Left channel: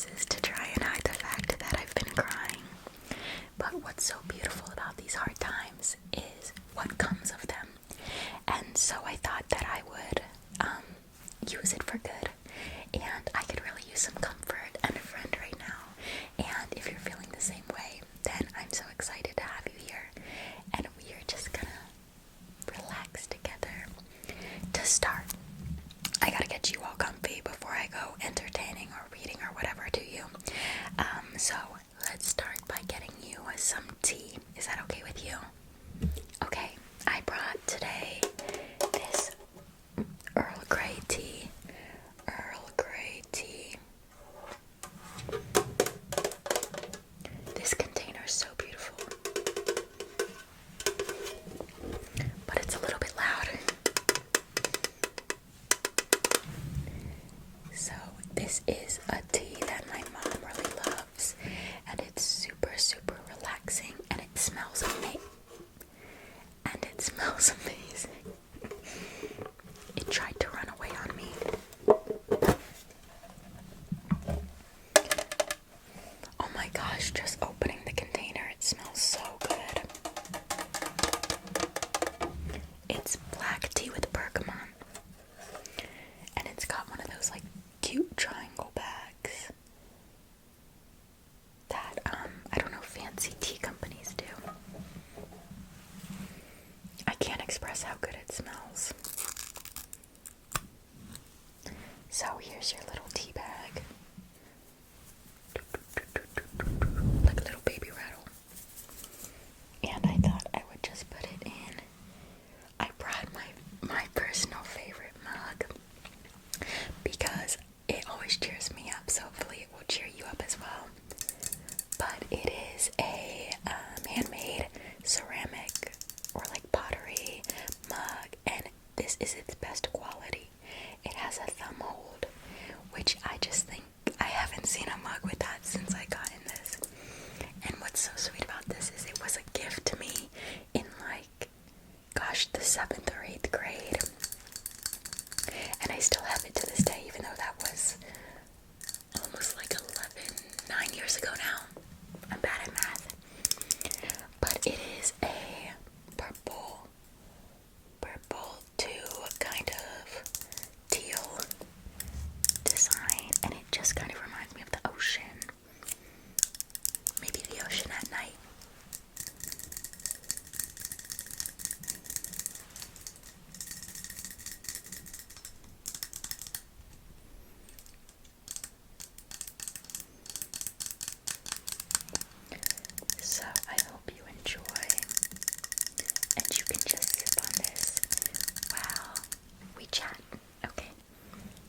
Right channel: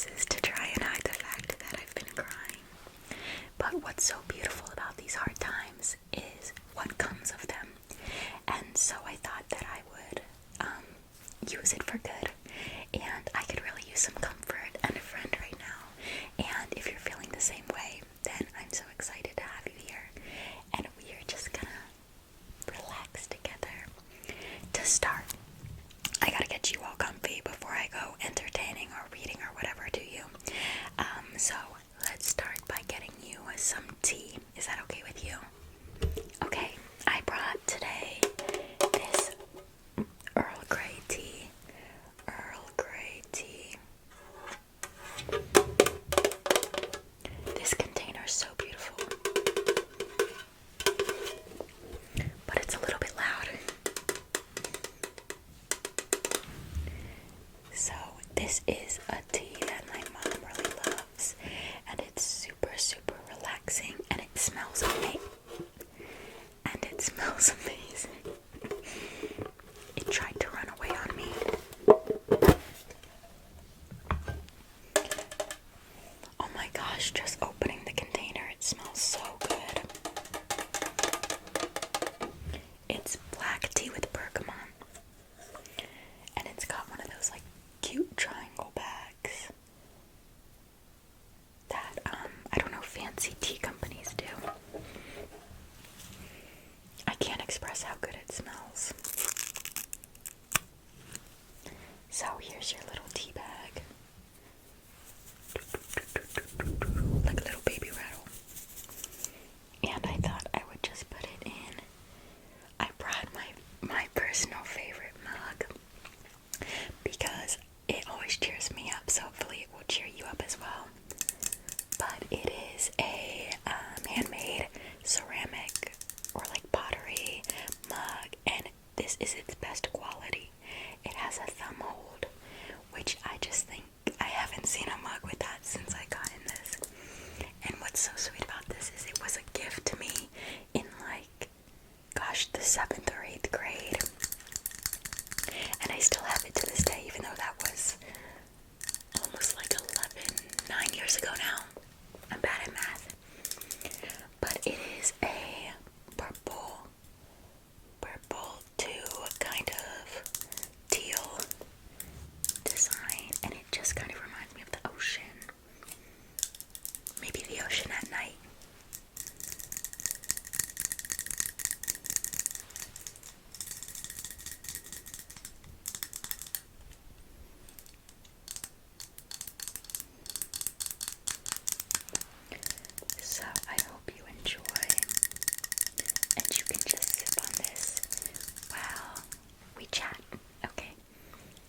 glasses to try and hide the fact that I've been crying. But what's so beautiful about these hard times is what comes of them. And so I thought that I would use it for good. And I could really use some comfort and a friend right now. And if you're feeling the same way, then I'm so excited to have you here. And we are just gonna relax together. To start, I gotta get you all comfy before I go entertaining or reading or whatever to you. So let's start by getting you some tea. Is that okay with you? Okay, I brought today this Earl Grey tea. Earl Grey tea. This container is so beautiful, but it's a little bit loud. So this is a tea that my mom really loves, and it's super, super relaxing, and it smells amazing. It tried to run away on me. Oh my gosh, just opening the container, it smells so good. It's black tea with bergamot, and it's got one of those like cute triangle bags that I don't know, fancy tea companies do. I can't express how good it smells. So here's your little tea bag. Like a little baby rattle. And I thought I would just put it in. I brought my personal favorite mug because it always cheers me up, so hopefully it will cheer you up as well. But it is a handmade ceramic or like pottery mug, and this is its best quality. It has a thumb hold, which I just think I haven't seen a mug with that since I got in this. And what's so sweet about this is it was a gift to me in like, gosh, the 7th or 8th grade. And I still have it to this day, even though that was almost like 9 years ago now. I'm bad at math. But it is a purple to kind of teal design, and it just kind of reminds me of the ocean. Maybe the ocean at night. So I hope you enjoy, and you can just sip on this while we chat. Okay,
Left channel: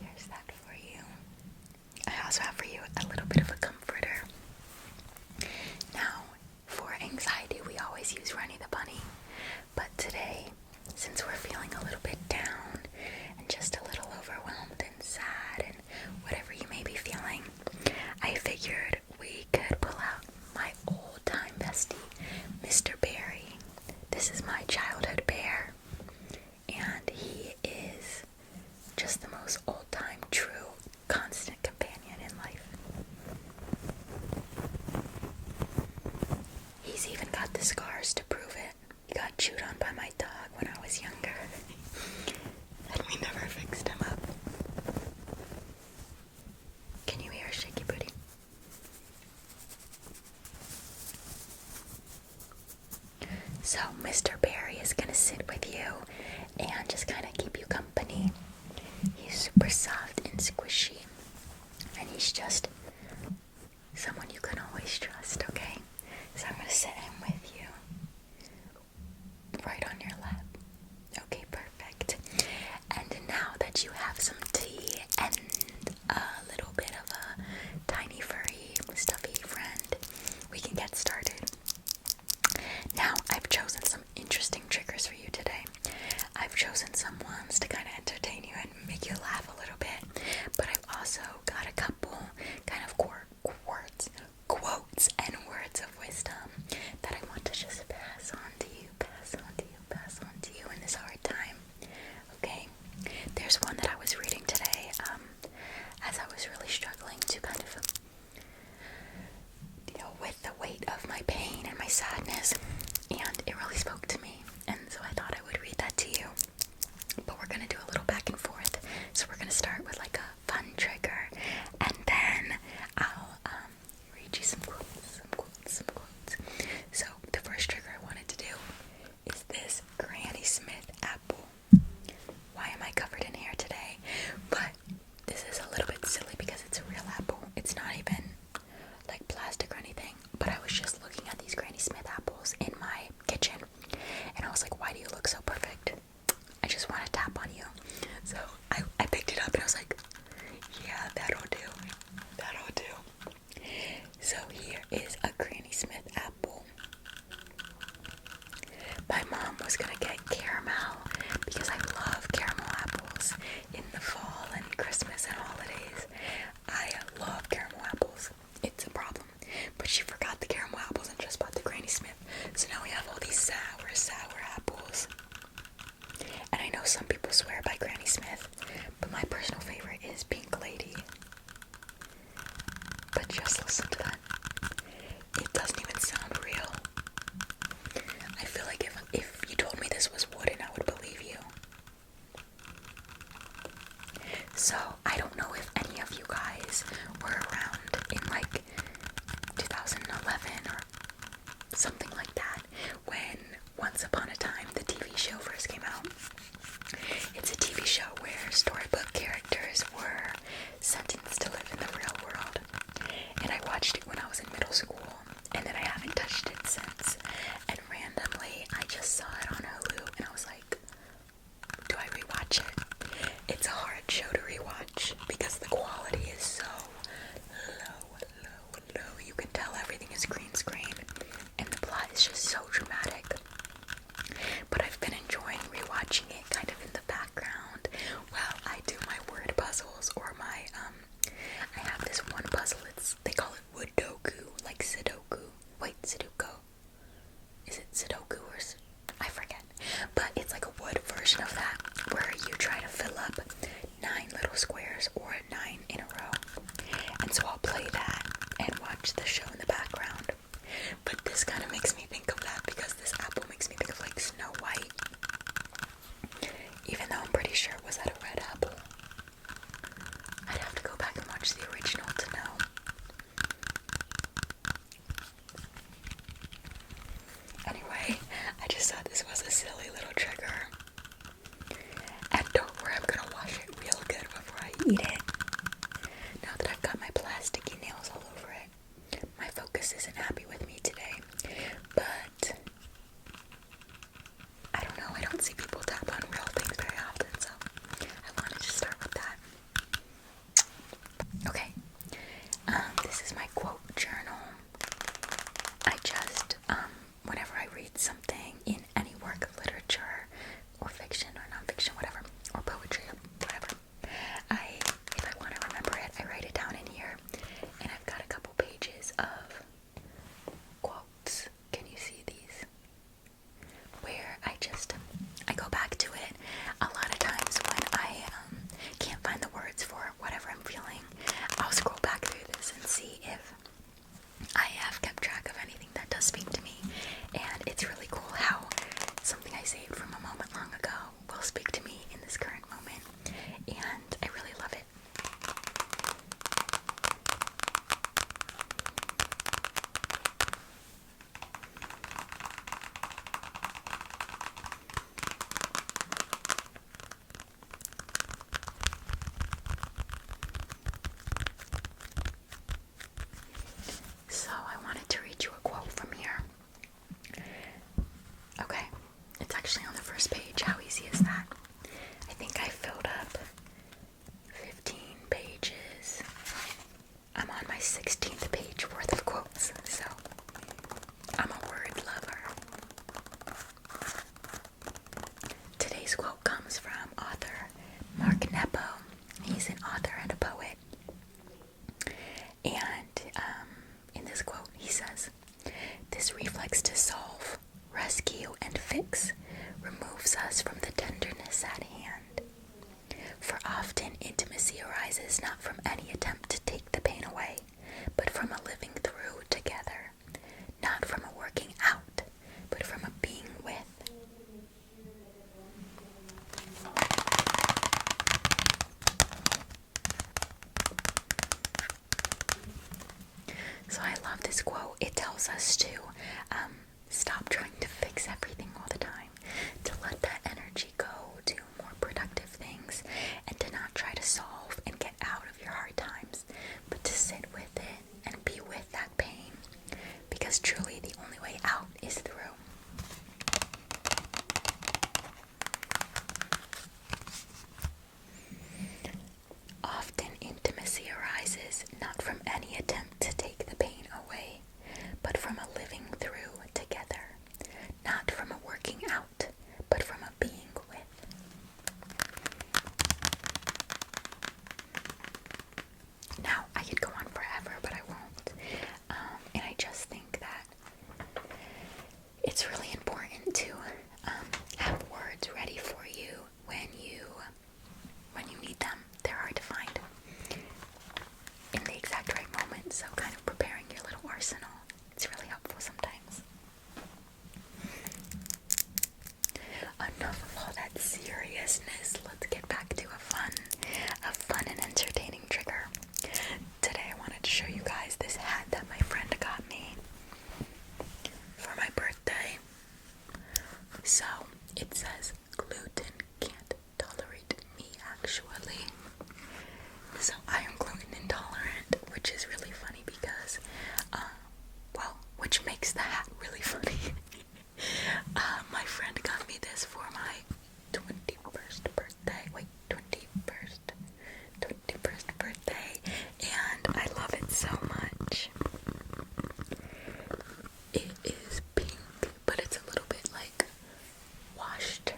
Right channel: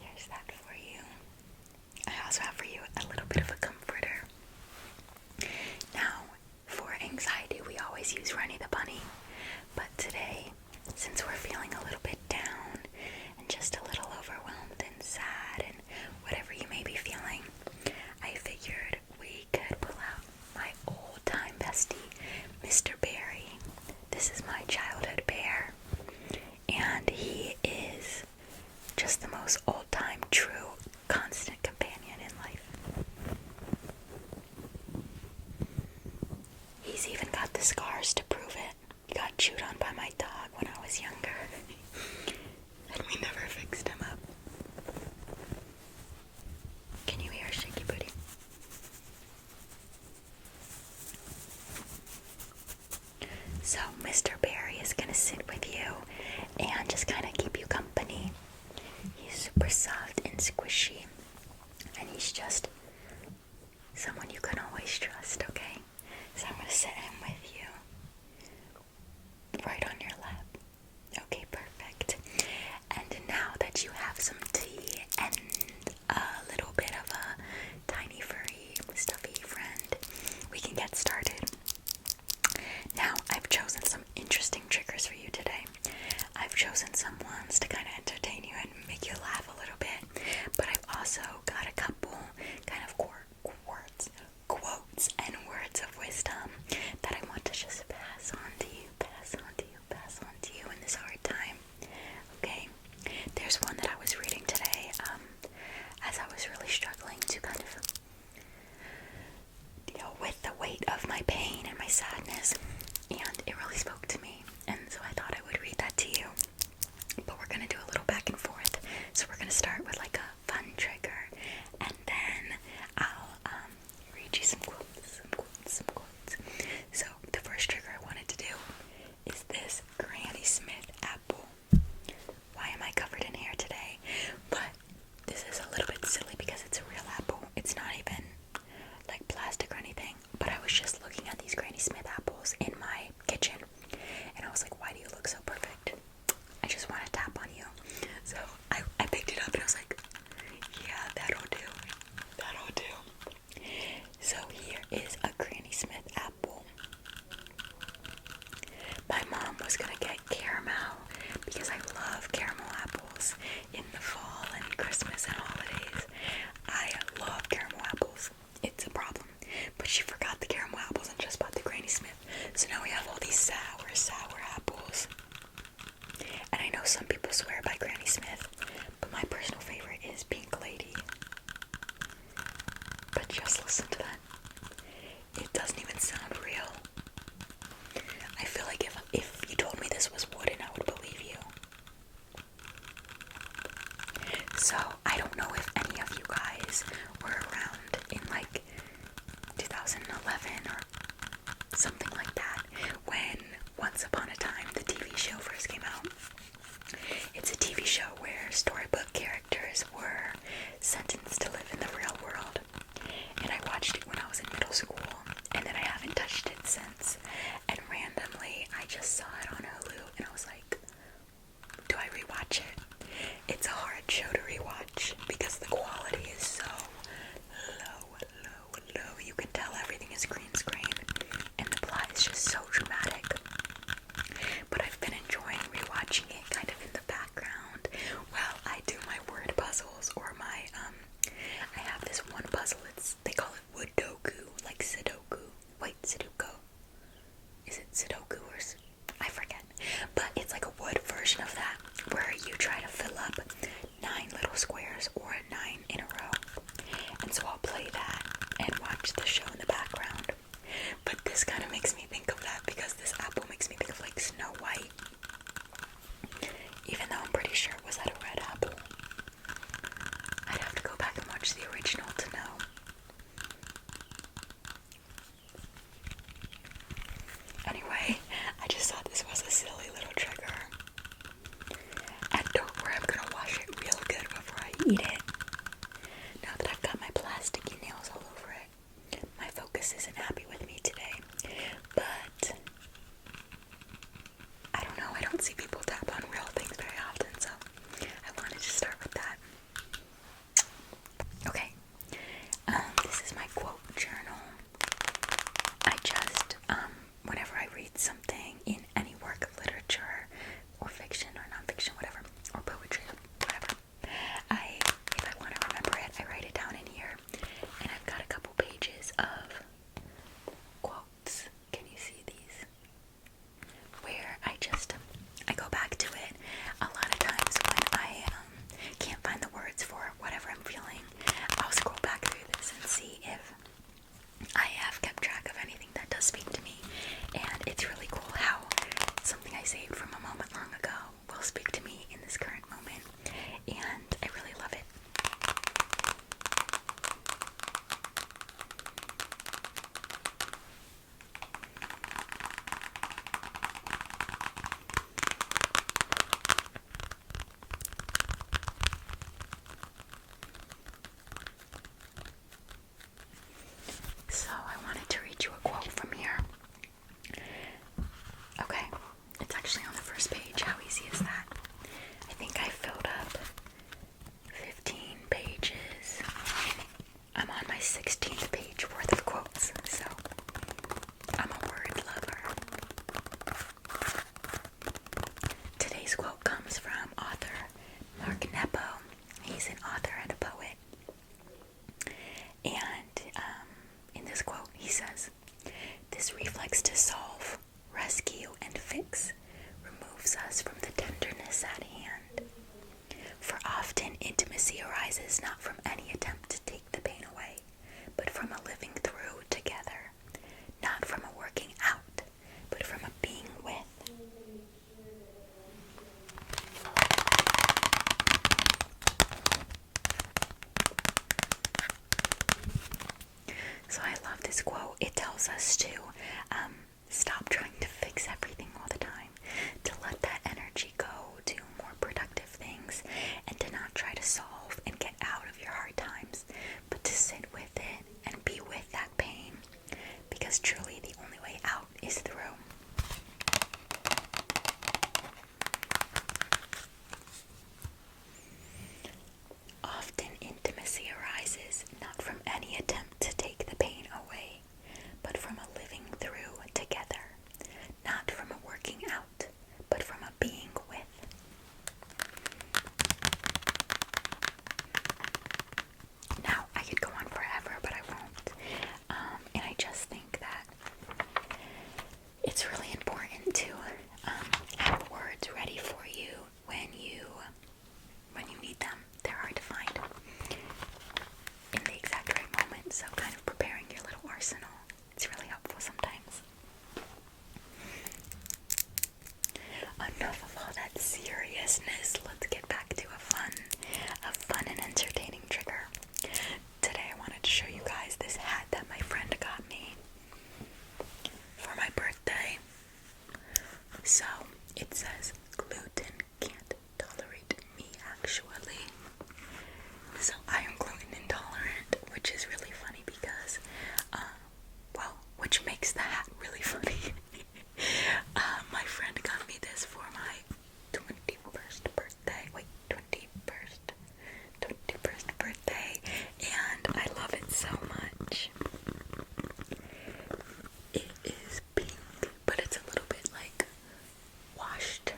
here's that for you. I also have for you a little bit of a comforter. Now, for anxiety, we always use Runny the Bunny, but today, since we're feeling a little bit down and just a little overwhelmed and sad and whatever you may be feeling, I figured we could pull out my old-time bestie, Mr. Barry. This is my childhood bear, and he is just the most old-time, true, constant companion in life. He's even got the scars to prove it. He got chewed on by my dog when I was younger, and we never fixed him up. Can you hear Shaky Booty? So Mr. Barry is going to sit with you and just kind of keep you company. He's super soft and squishy, and he's just someone you can always trust, okay? So I'm going to sit him with you right on your lap. Okay, perfect. And now that you have some tea and a little bit of a tiny furry stuffy friend, we can get started. Now, I've chosen some interesting triggers for you today. I've chosen some ones to kind of entertain you and make you laugh a little bit, but I've also got a couple kind of quotes and words of wisdom that I want to just pass on to you. TVs were around in like 2011 or something like that, when Once Upon a Time, the TV show, first came out. It's a TV show where storybook characters were sentenced to live in the real world. And I watched it when I was in middle school, and then I haven't touched it since. And randomly, I just saw it on Hulu, and I was like, do I rewatch it? It's a hard show to rewatch because the quality is so low. You can tell everything is green screen, and the plot is just so dramatic. But I've been enjoying rewatching it kind of in the background while I do my word puzzles or my, I have this one puzzle, they call it Woodoku, like Sudoku. Wait, Sudoku. Is it Sudoku or I forget. But it's like a wood version of that, where you try to fill up 9 little squares or 9 in a row. And so I'll play that and watch the show in the background. But this kind of makes me think of that because this apple makes me think of like Snow White. Even though I'm pretty sure it was that a red apple. I'd have to go back and watch the original to know. Anyway, I just thought this was a silly little trigger. And don't worry, I'm gonna wash it real good before I eat it. Now that I've got my plasticky nails all over it, my focus isn't happy with me today. But I don't know, I don't see people tap on real things very often, so I wanted to start with that. Okay, this is my quote journal. I just, whenever I read something in any work of literature, or fiction, or nonfiction, whatever, or poetry, whatever, if I want to remember it, I write it down in here, and I've got a couple pages of quotes. Can you see these? Where I go back to it. A lot of times when I can't find the words for whatever I'm feeling, I'll scroll back through this and see if I have kept track of anything that does speak to me. And it's really cool how something I saved from a moment long ago will speak to me in this current moment. And I really love it. So I wanted to read you a quote from here. Okay, it's actually on the first page. How easy is that? I think I filled up 15 pages. I'm on my 16th page worth of quotes, so I'm a word lover. Today's quote comes from author Mark Nepo. He's an author and a poet. And in this quote, he says, "This reflex to solve, rescue, and fix removes us from the tenderness at hand. For often intimacy arises not from any attempt to take the pain away, but from a living through together, not from a working out, but from a being with." So I love this quote. It tells us to stop trying to fix everything all the time, to let that energy go to more productive things, and to not try to solve and get out of your hard times, but to sit with it and be with that pain, because truly the only way out is through. Often intimacy arises not from any attempt to take the pain away, but from a living through together, not from a working out, but from a being with. Now, I could go on forever, but I won't. And I just think that It is pink, but it's a little bit like washed.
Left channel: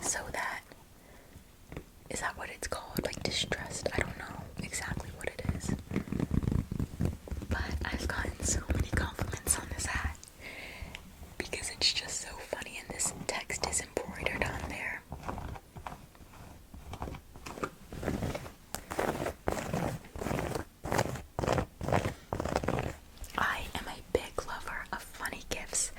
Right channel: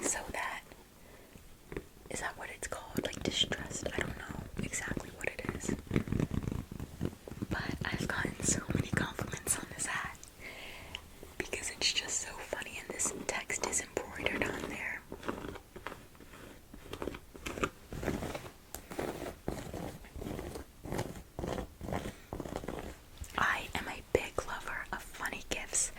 So that, is that what it's called? Like distressed? I don't know exactly what it is. But I've gotten so many compliments on this hat because it's just so funny, and this text is embroidered on there. I am a big lover of funny gifts.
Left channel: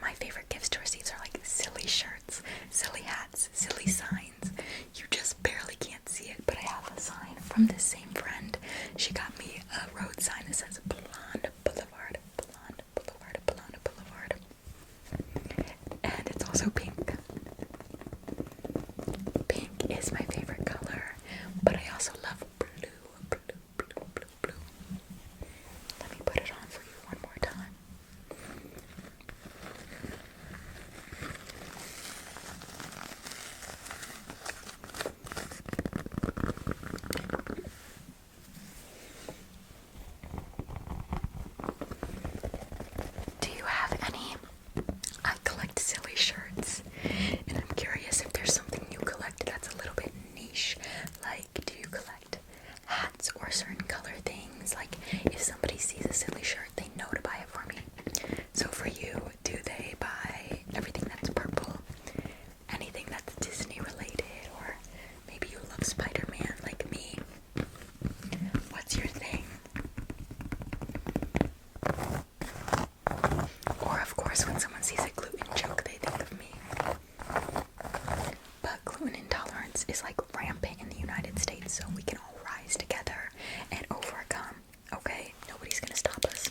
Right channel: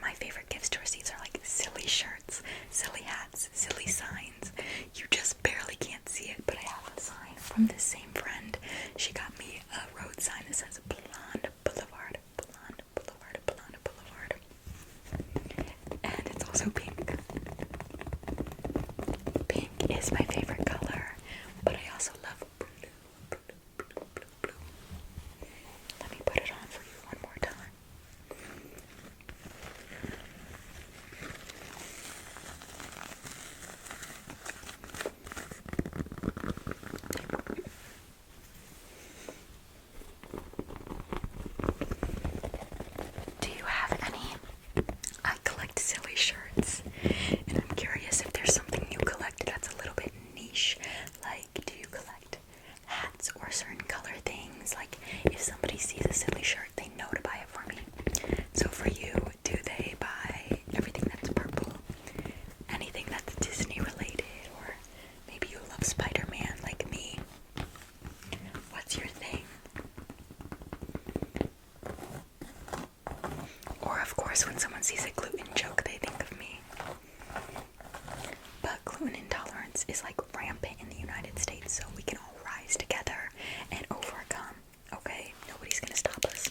My favorite gifts to receive are like silly shirts, silly hats, silly signs. You just barely can't see it, but I have a sign from this same friend. She got me a road sign that says Blonde Boulevard, Blonde Boulevard, Blonde Boulevard. And it's also pink. Pink is my favorite color, but I also love blue, blue, blue, blue, blue. Let me put it on for you one more time. Do you have any? I collect silly shirts, and I'm curious if there's something you collect that's a little bit niche. Like, do you collect hats or certain color things? Like, if somebody sees a silly shirt, they know to buy it for me. So for you, do they buy everything that's purple? Anything that's Disney related? Or maybe you love Spider-Man like me? What's your thing? Or of course, when someone sees a gluten joke, they think of me. But gluten intolerance is like rampant in the United States, so we can all rise together and overcome. Okay? Nobody's gonna stop us.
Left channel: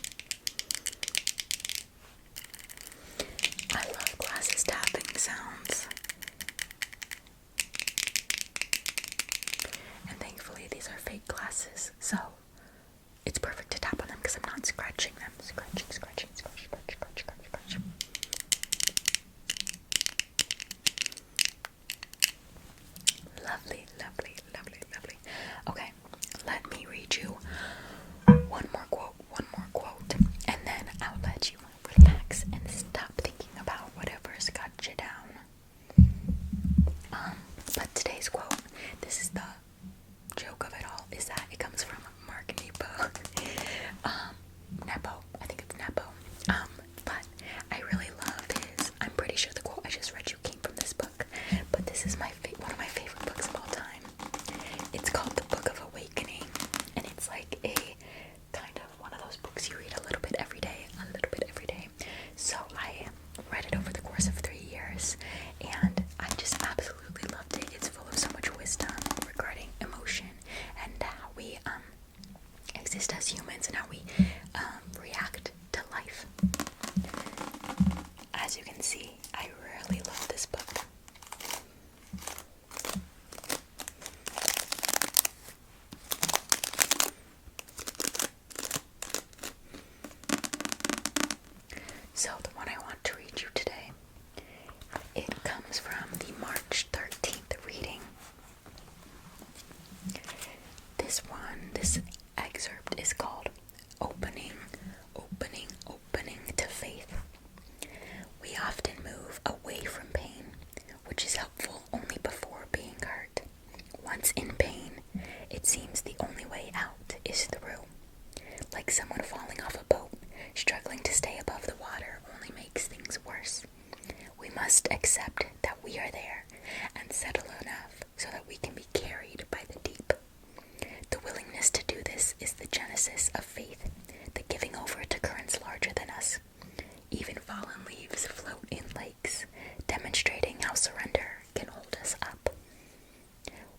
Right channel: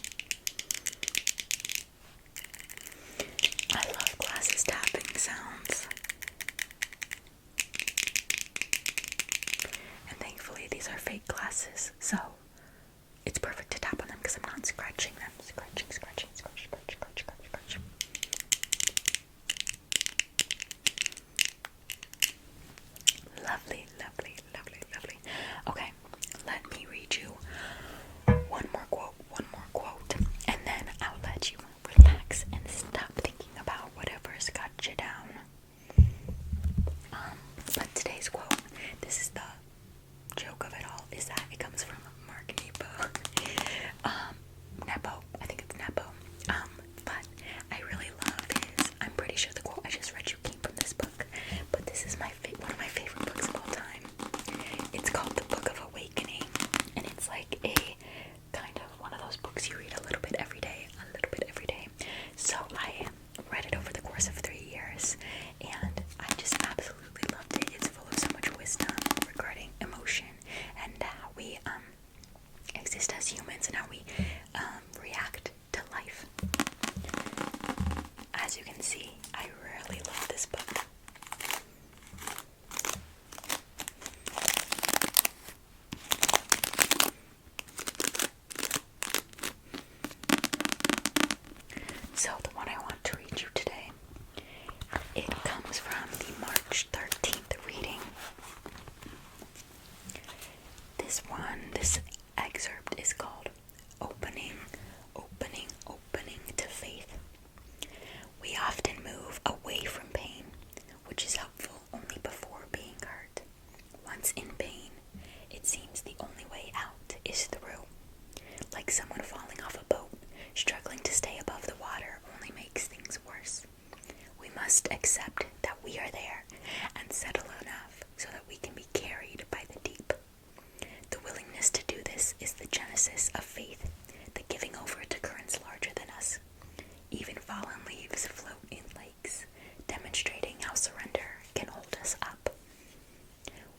I love glasses tapping sounds. And thankfully these are fake glasses, so it's perfect to tap on them because I'm not scratching them. Scratching, scratching, scratch, scratch, scratch, scratch, scratch. Lovely, lovely, lovely, lovely. Okay, let me read you one more quote, and then I'll let you relax and stop thinking about whatever's got you down. But today's quote, this is the joke of it all, is that it comes from Mark Nepo. Nepo, I think it's Nepo. But I really love his, I'm pretty sure the quote I just read you came from this book, but this is one of my favorite books of all time. It's called The Book of Awakening, and it's like a kind of one of those books you read a little bit every day, So I read it over the course of 3 years, and I just absolutely loved it. It's full of so much wisdom regarding emotion and how we exist as humans and how we react to life. As you can see, I really love this book. So the one I want to read you today, it comes from the March 13th reading. This excerpt is called Opening to Faith. We often move away from pain, which is helpful only before being hurt. Once in pain, it seems the only way out is through. Like someone falling off a boat, struggling to stay above the water only makes things worse. We must accept that we are there and settle enough so that we can be carried by the deep. The willingness to do this is the genesis of faith, the giving over to currents larger than us. Even fallen leaves float in lakes, demonstrating how surrender can hold us up.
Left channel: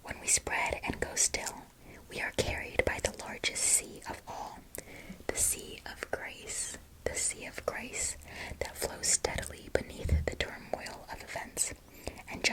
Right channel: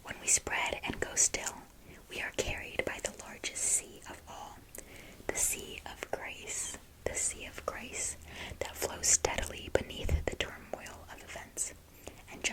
When we spread and go still, we are carried by the largest sea of all, the sea of grace that flows steadily beneath the turmoil of events and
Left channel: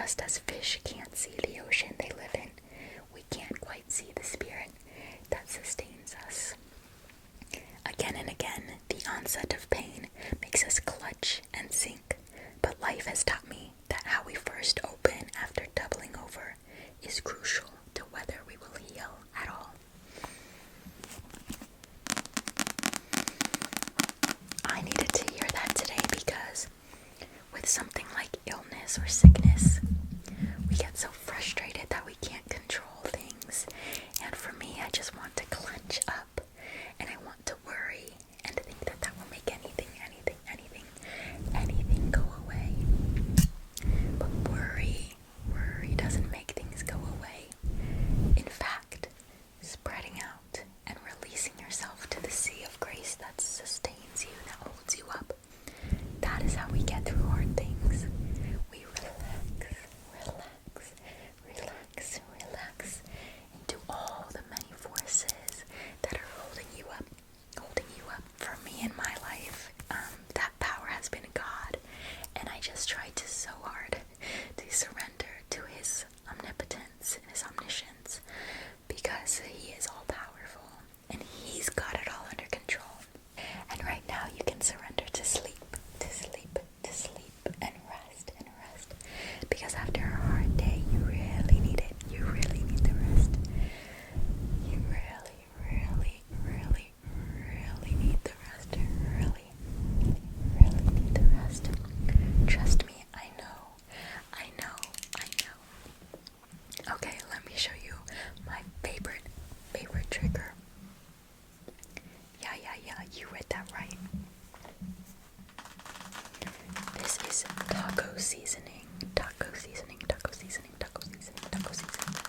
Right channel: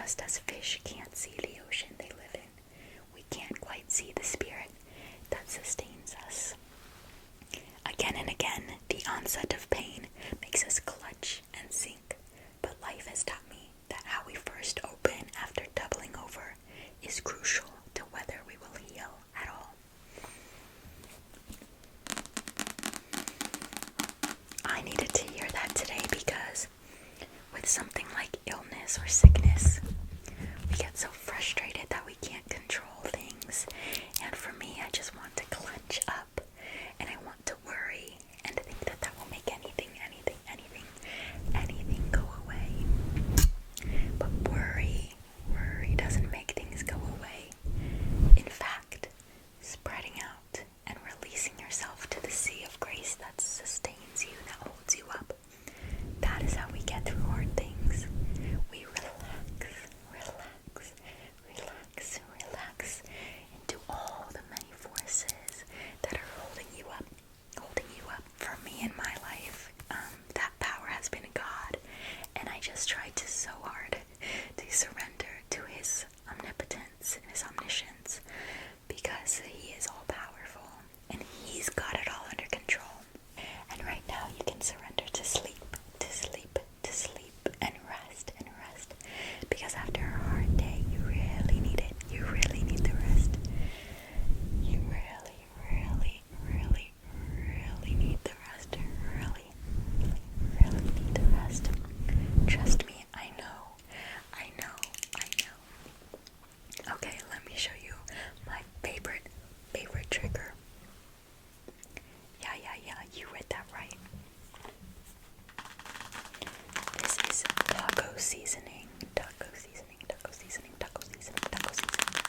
seasoning, taco seasoning, taco seasoning, taco seasoning, taco seasoning.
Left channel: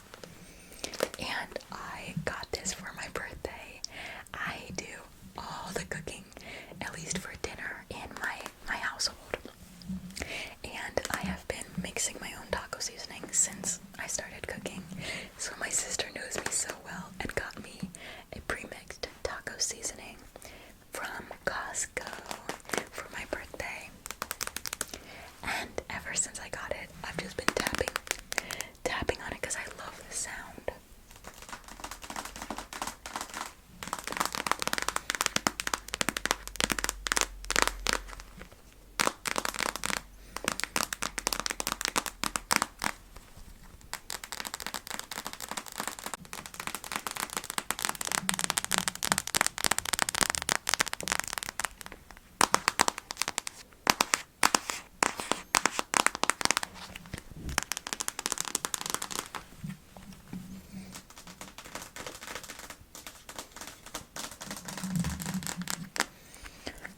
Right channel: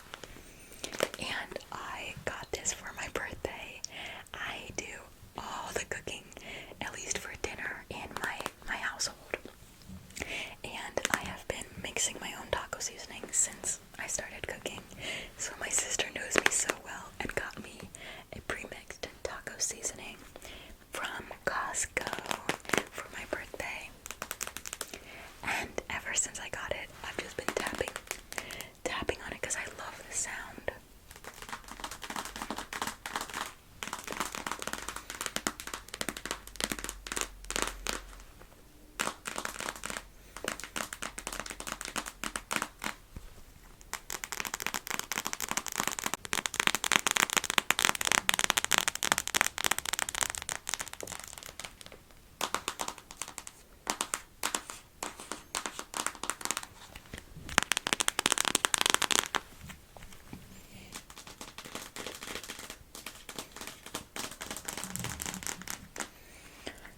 And I got this for my birthday. I do all the cooking, at least for dinner, in my household. And I have been mixing my own taco seasoning since I started cooking. So my sister knows me so well and got me a pre-mixed taco seasoning from Costco for my birthday. And ever since I got it, I've just been tapping on it because I love the sound.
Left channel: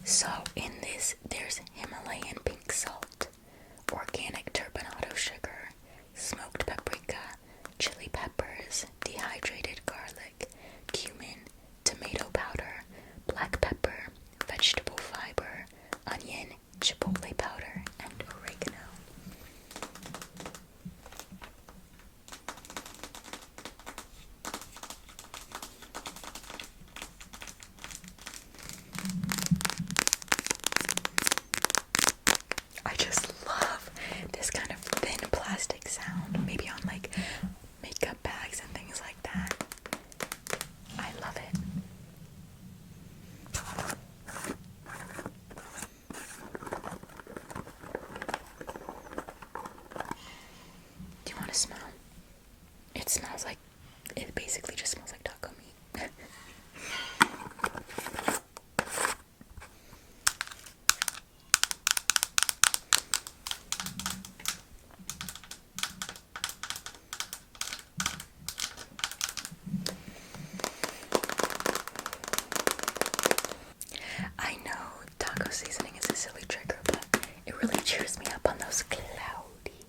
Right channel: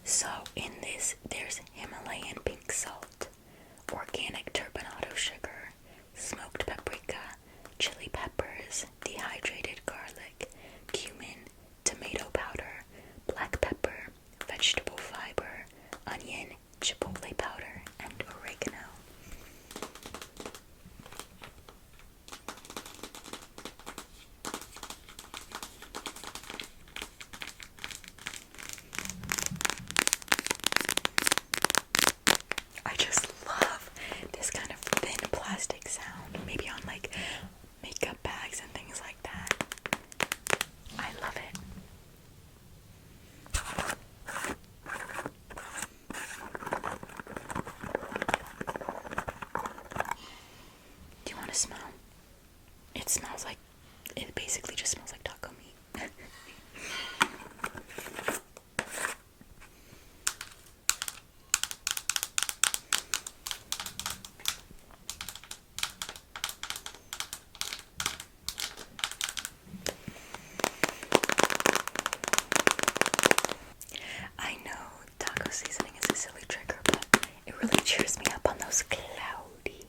So in this, there's Himalayan pink salt, organic turbinado sugar, smoked paprika, chili peppers, dehydrated garlic, cumin, tomato powder, black pepper, vegetable fiber, onion, chipotle powder, and oregano. I just love this kind of thin plastic sound, maybe on like makeup bags and things like that. I love it. Do you want to smell? It smells like, it basically just smells like taco meat. I know taco seasoning is a silly trigger, but it really cheers me up on those cloudy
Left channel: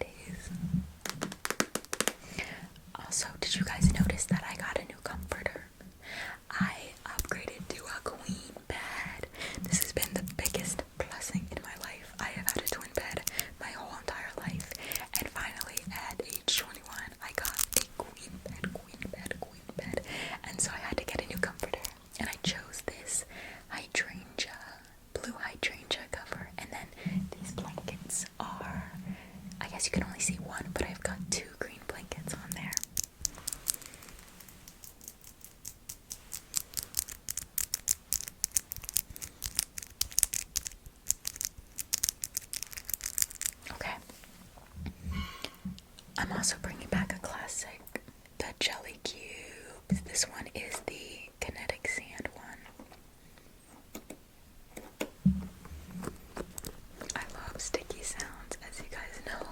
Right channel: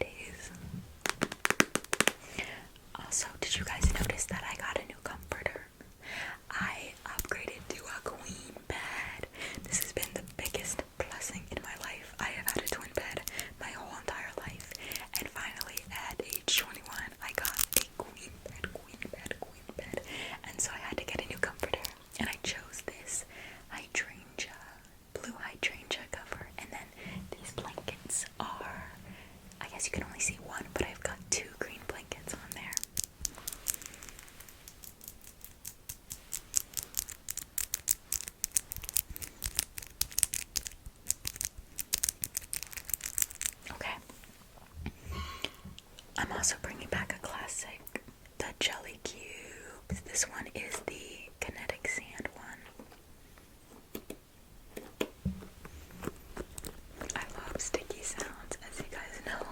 days. Also, did you guys notice that I got a new comforter? I upgraded to a queen bed. This has been the biggest blessing in my life. I have had a twin bed my whole entire life, and finally at age 21 I got a queen bed, and so I had to get a new comforter, and I chose this blue hydrangea cover, and then these blankets are, I guess you can only see one, but I've got two green blankets on there. Okay. I'm also bringing back a classic, the jelly cubes. This one is the kinetic sand one. I love sticky sounds, as you guys know.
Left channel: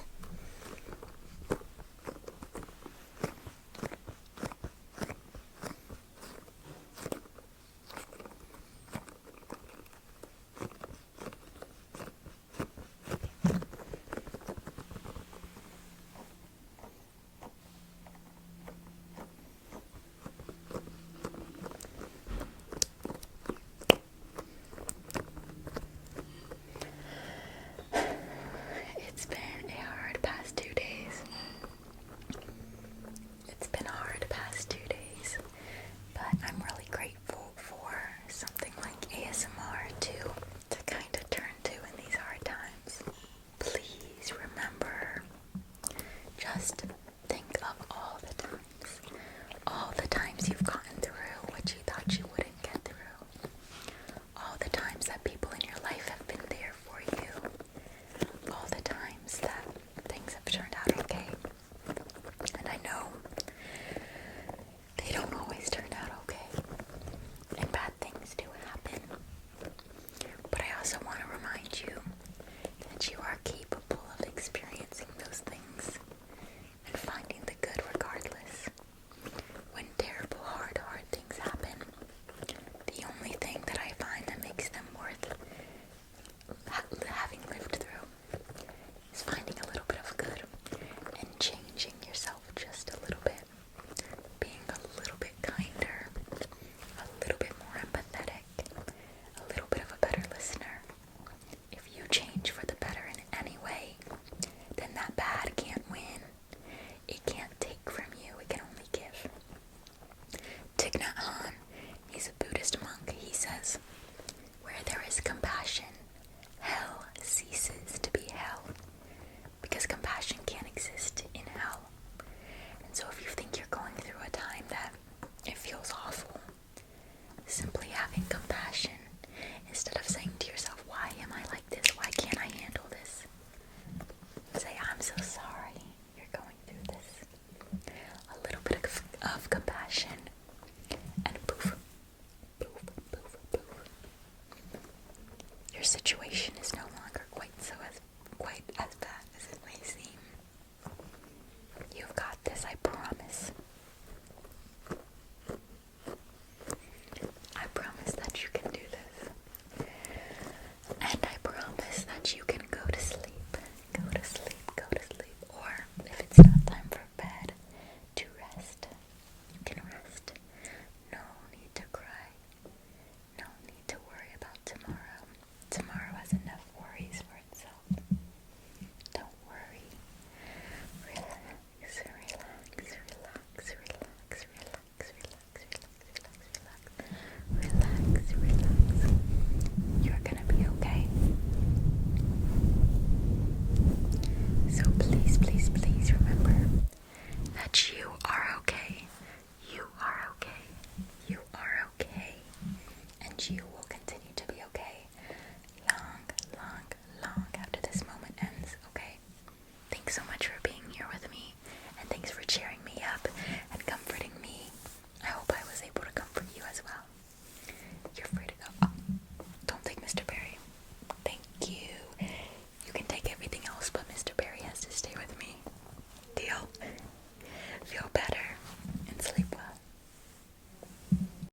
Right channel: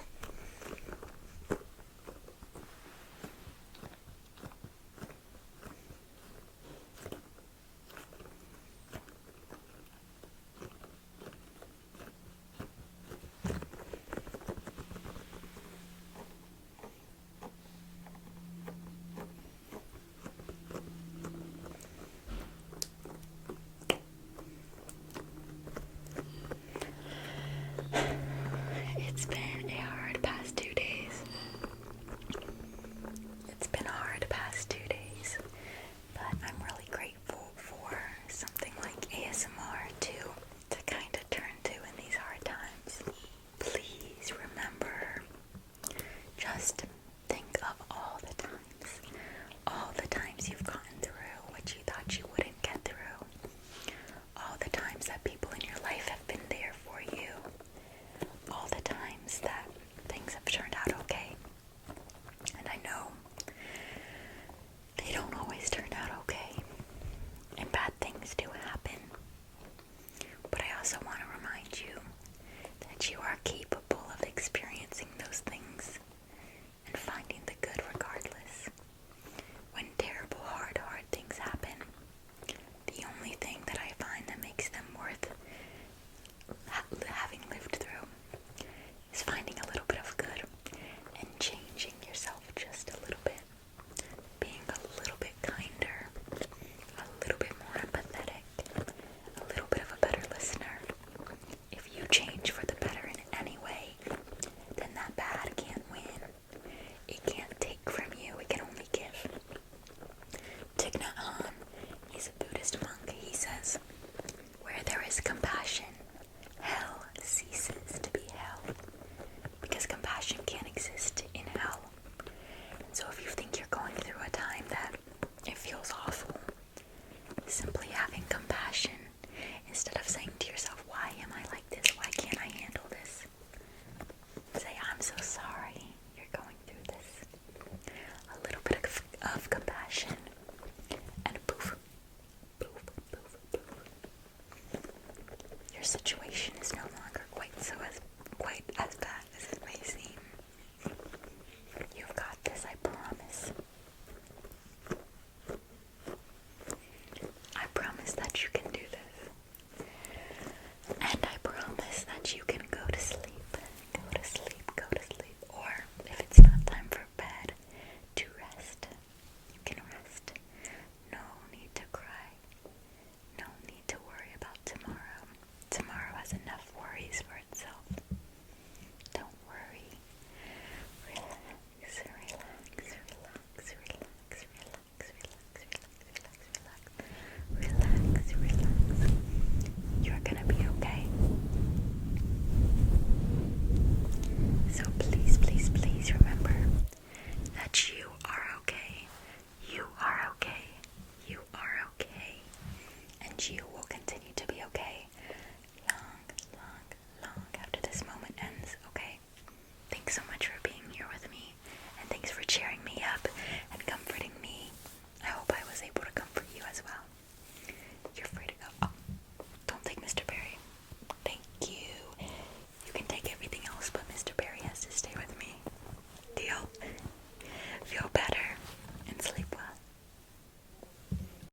Thich Nhat Hanh, he's a Buddhist monk, he says, where there is compassion, hell ceases to be hell. Because compassion can't exist in hell. And so if you think you're going through a time that it feels awful, simply having compassion instead of saying to yourself, why am I like this? Why can't I handle this? Say, I'm so sorry you're going through this. A little bit of compassion, and poof, poof, poof, poof. Your situation